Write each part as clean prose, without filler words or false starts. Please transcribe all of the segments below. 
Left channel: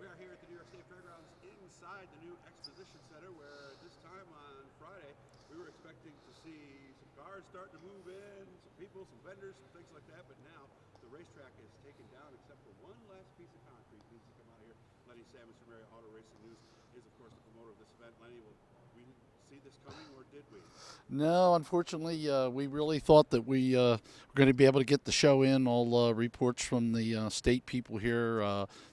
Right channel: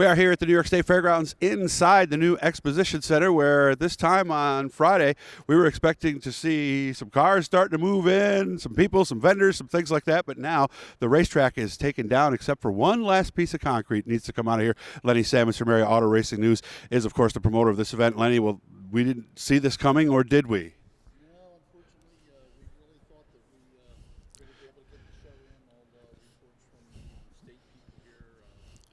We are here at the New York State Fairgrounds inside the new Exposition Center, where this time on Friday we were expecting to see some cars starting to move in, some people, some vendors, some things like that. But now the racetrack is taken down except for one last piece of concrete needs to come out of here. Lenny Sammons from Area Auto Racing News is, of course, the promoter of this event. Lenny, well, we didn't see this coming, or did we? No, unfortunately, we really thought that we were going to be able to get the show in. All reports from the state people here,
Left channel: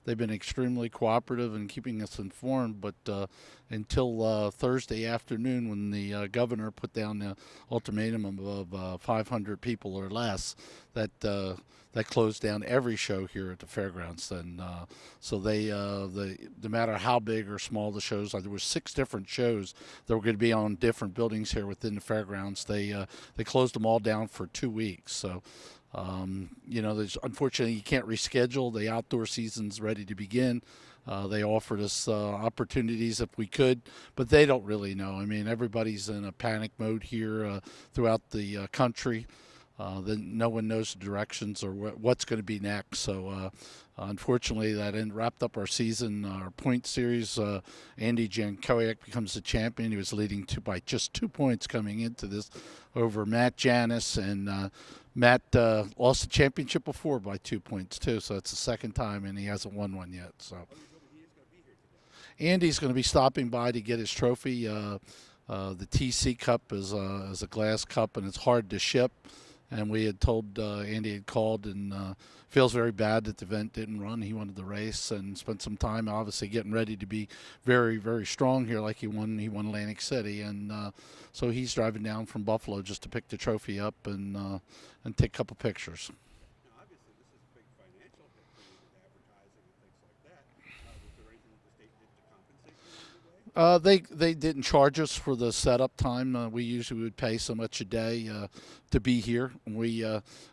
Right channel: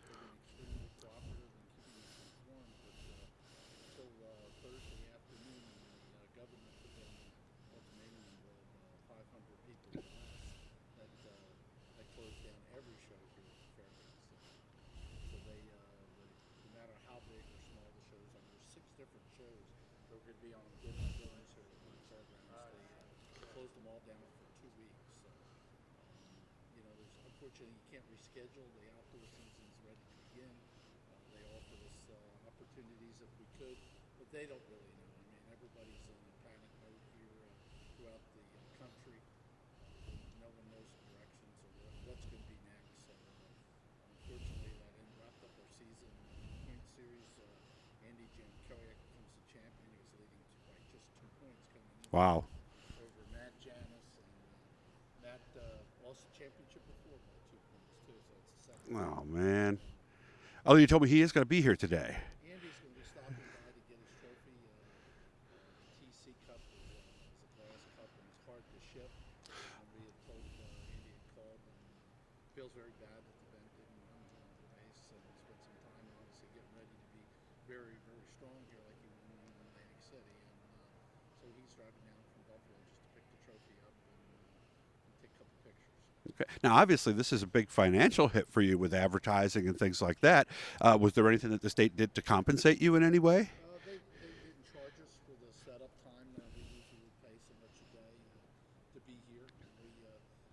they've been extremely cooperative in keeping us informed, but until Thursday afternoon, when the governor put down the ultimatum of 500 people or less, that closed down every show here at the fairgrounds. And so no matter how big or small the shows are, there were 6 different shows that were going to be on different buildings here within the fairgrounds. They closed them all down for 2 weeks. So unfortunately you can't reschedule. The outdoor season's ready to begin. They offered us opportunities if we could, but they don't really know. I mean, everybody's in a panic mode here throughout the country. No one knows the directions or what's going to be next. So unfortunately, that wrapped up our season, our point series. Andy Jankowiak becomes the champion. He was leading by just 2 points coming into this over Matt Janis, and Matt lost the championship before by 2 points too. So it's the second time, and he hasn't won one yet. So. Oh, you told me he is going to be here today. Andy's going to be stopping by to get his trophy. The TC Cup is a glass cup, and it's hard to ship. And we had told Andy had called and feels very bad that the event didn't run. He wanted the race and spent some time, obviously, getting ready to be very, very strong here, like he won Atlantic City, and so he's driving down from Buffalo just to pick the trophy up and take a couple pictures. Okay. Now, obviously, this is a big financial hit for you with advertising and things like that. Was there anything that the state did to compensate you in any way? They didn't charge us for the setup time. We usually would pay so much a day to be here. We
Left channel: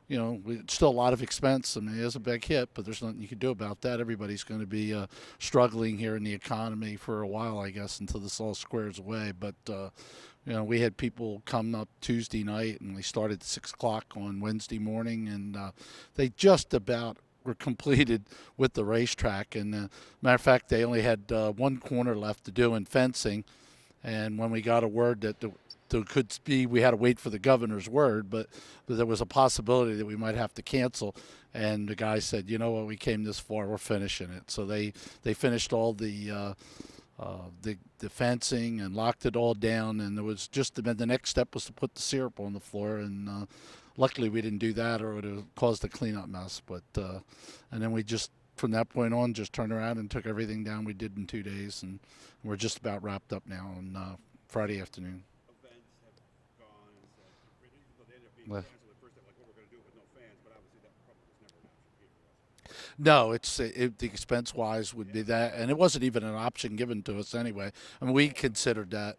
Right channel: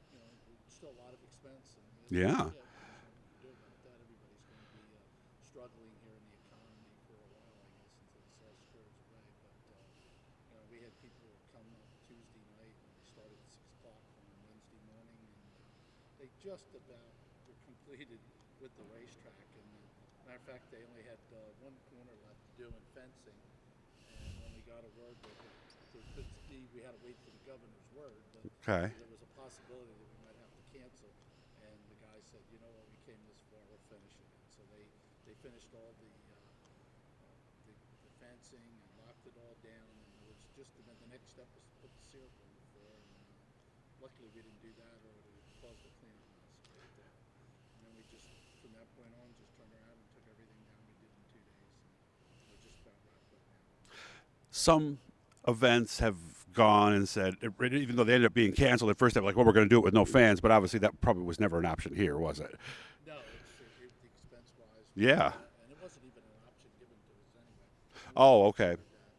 it's still a lot of expense. I mean, it is a big hit, but there's nothing you can do about that. Everybody's going to be struggling here in the economy for a while, I guess, until this all squares away. But we had people come up Tuesday night, and we started at 6 o'clock on Wednesday morning, and they just about were completed with the racetrack. And matter of fact, they only had one corner left to do in fencing. And when we got a word that there could be, we had to wait for the governor's word, but there was a possibility that we might have to cancel. And the guy said, you know what, we came this far, we're finishing it. So they finished all the fencing and locked it all down, and there was just the next step was to put the syrup on the floor, and luckily we didn't do that, or it would have caused a cleanup mess. But and then we just from that point on just turned around and took everything down we did in 2 days, and we're just about wrapped up now on Friday afternoon. Events have gone and said, even though they ended up being canceled at first, they were like, well, we're going to do it with no fans, but obviously that probably was never an option here, was it? No, the expense-wise, we did that, and it wasn't even an option given to us anyway. I mean, we considered that.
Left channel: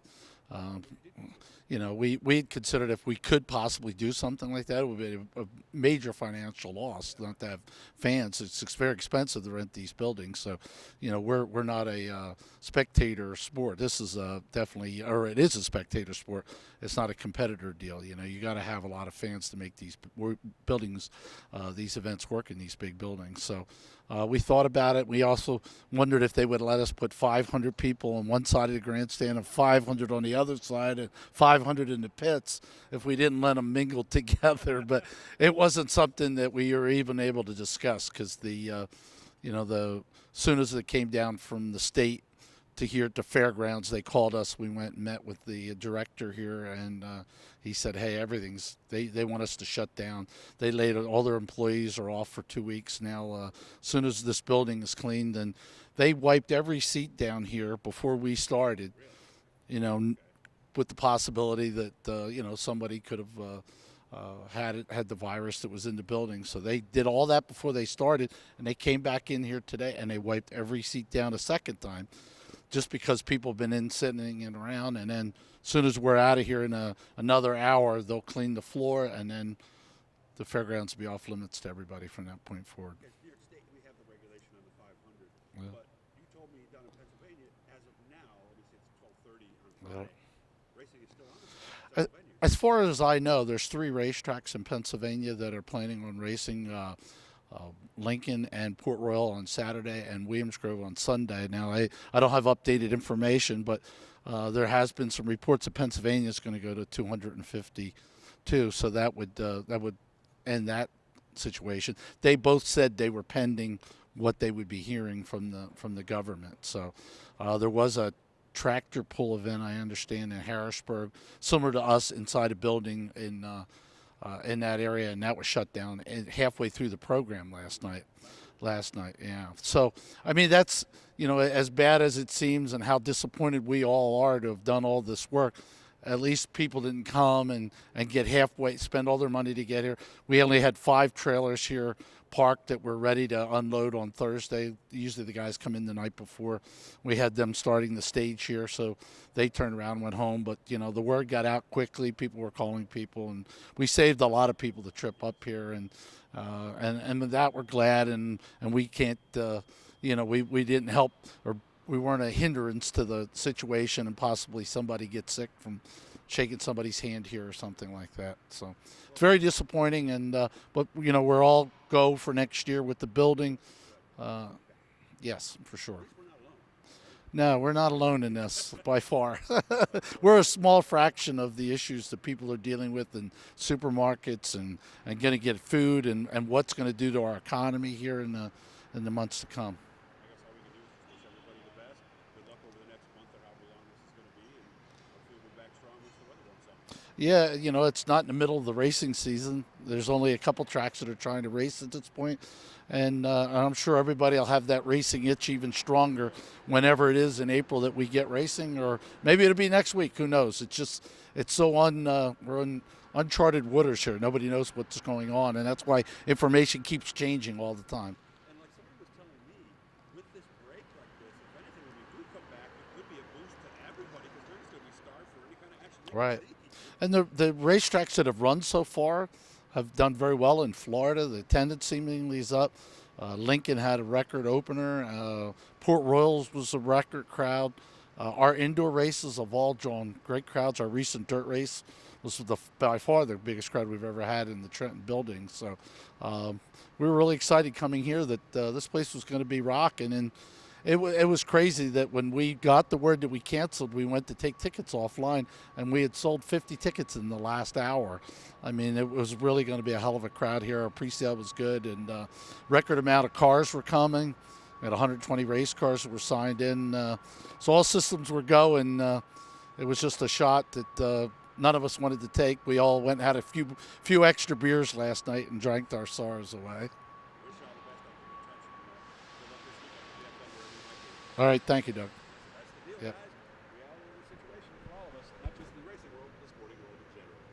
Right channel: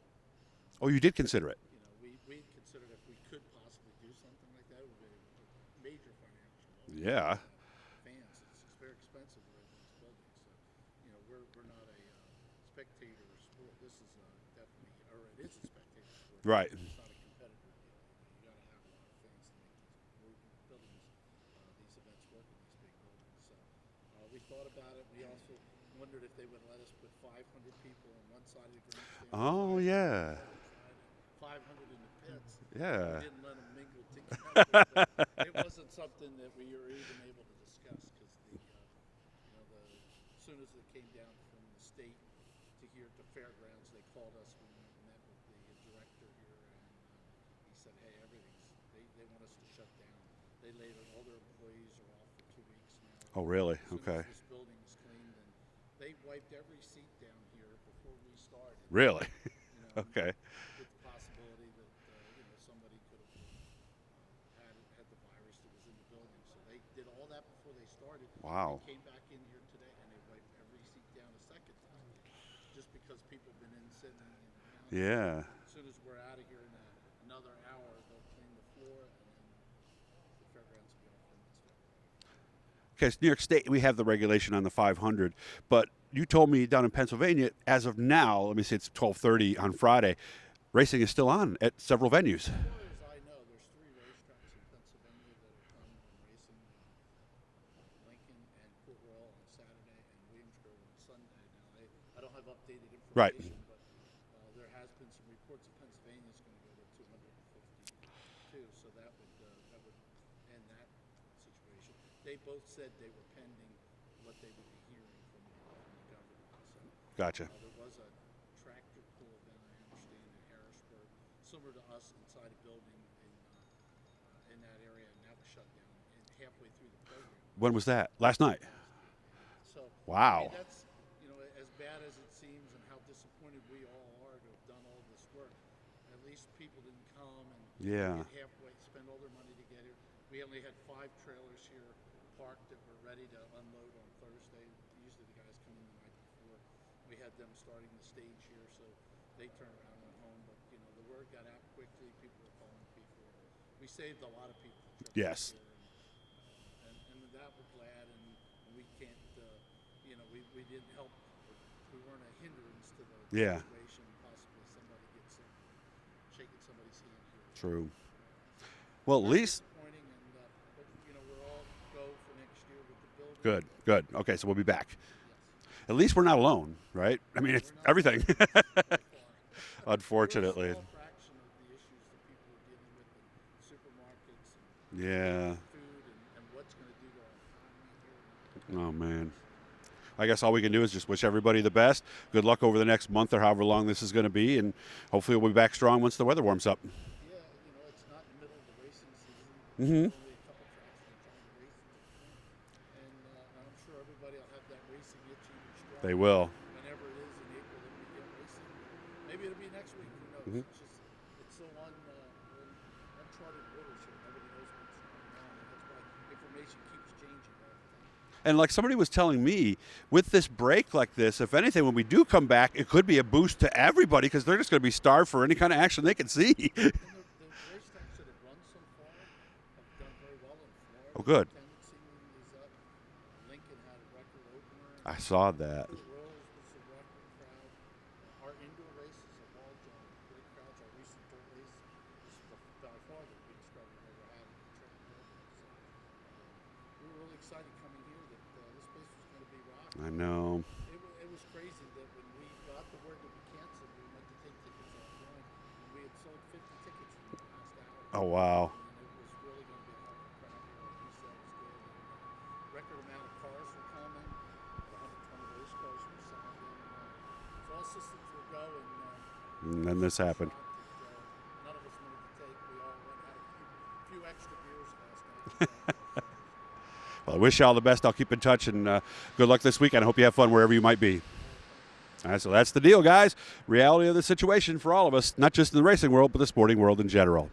You did consider it? We had considered if we could possibly do something like that, it would be a major financial loss not to have fans. It's very expensive to rent these buildings, so we're not a spectator sport. This is definitely, or it is a spectator sport. Right. It's not a competitor deal. You got to have a lot of fans to make these buildings, these events work in these big buildings. So. We thought about it. We also wondered if they would let us put 500 people on one side of the grandstand and 500 on the other side and 500 in the pits if we didn't let them mingle together. But it wasn't something that we were even able to discuss because the soon as it came down from the state to here at the fairgrounds, they called us. We went and met with the director here, and he said, hey, they want us to shut down. They laid all their employees are off for 2 weeks now. Oh, really? As soon as this building is cleaned, and they wiped every seat down here before we started. Really? With the possibility that, somebody could have had the virus that was in the building. So they did all that before they started. Wow. And they came back in here today, and they wiped every seat down a second time. Just because people have been sitting and around, and then as soon as we're out of here in another hour, they'll clean the floor, and then the fairgrounds will be off limits to everybody from that point forward. Okay, so New York State, we have the regulation on the 500, but you told me down in Pennsylvania, as of now, let me say it's 12:30 on Friday, racing is still on at several venues. As far as I know, there's 3 racetracks in Pennsylvania that are planning on racing. Lincoln and Port Royal on Saturday and Williams Grove on Sunday. Now, I don't have updated information, but there has been some reports that Pennsylvania is going to go to 252, so that would end that situation. They both said they were pending what they would be hearing from the government. So Gotcha. there was a tractor pull event, I understand, in Harrisburg, similar to us, inside a building in that area, and that was shut down halfway through the program last night. When was that? Last night? Last night, yeah. So, wow. I mean, that's, as bad as it seems and how disappointed we all are to have done all this work, at least people didn't come and get halfway, spend all their money to get here. We only had 5 trailers here parked that were ready to unload on Thursday. Usually the guys come in the night before. We had them starting the stage here, so they turned around and went home. But, the word got out quickly. People were calling people, and we saved a lot of people the trip up here. And with that, we're glad, and we can't, we didn't help, or we weren't a hindrance to the situation, and possibly somebody gets sick from shaking somebody's hand here or something like that. So it's very disappointing, and but we're all go for next year with the building. Good. Okay, so we'll be back. Yes, for sure. At least we're not alone, right? No, we're not alone in this by far. Unfortunately, we're a small fraction of the issues that people are dealing with in supermarkets and going to get food and what's going to do to our economy here in the months to come. I guess all we can do is just wish everybody the best. Good luck over the next month or however long this is going to be, and hopefully we'll be back strong once the weather warms up. Yeah, it's not in the middle of the racing season. There's only a couple tracks that are trying to race at this point, and I'm sure everybody will have that racing itch even stronger. They will. Whenever it is in April that we get racing, or maybe it'll be next week. Who knows? It's so we're in uncharted waters here. Nobody knows what's going on, and that's why information keeps changing all the time. And like somebody was telling me, with this break like this, if anything, when we do come back, it could be a boost to everybody because they're just going to be starved for any kind of action they can see. And the racetracks that have run so far have done very well in Florida. The attendance seemingly is up. Lincoln had a record opener. I saw that. Port Royal was a record crowd. Our indoor races have all drawn great crowds. Our recent dirt race was by far the biggest crowd we've ever had in the Trenton building. So we were really excited coming here that this place was going to be rocking. And it was crazy that when we got the word that we canceled, we went to take tickets offline, and we had sold 50 tickets in the last hour. Oh, wow. I mean, it was really going to be a hell of a crowd here. Our pre-sale was good, and record amount of cars were coming. We had 120 race cars that were signed in. So all systems were going. It was just a shot that none of us wanted to take. We all went and had a few extra beers last night and drank our sorrows away. Well, I wish you all the best. I'll keep in touch, and good luck this weekend. I hope you have fun wherever you might be. All right. Thank you, Doug. All right, so that's the deal, guys. Reality of the situation for all of us, not just in the racing world, but the sporting world in general.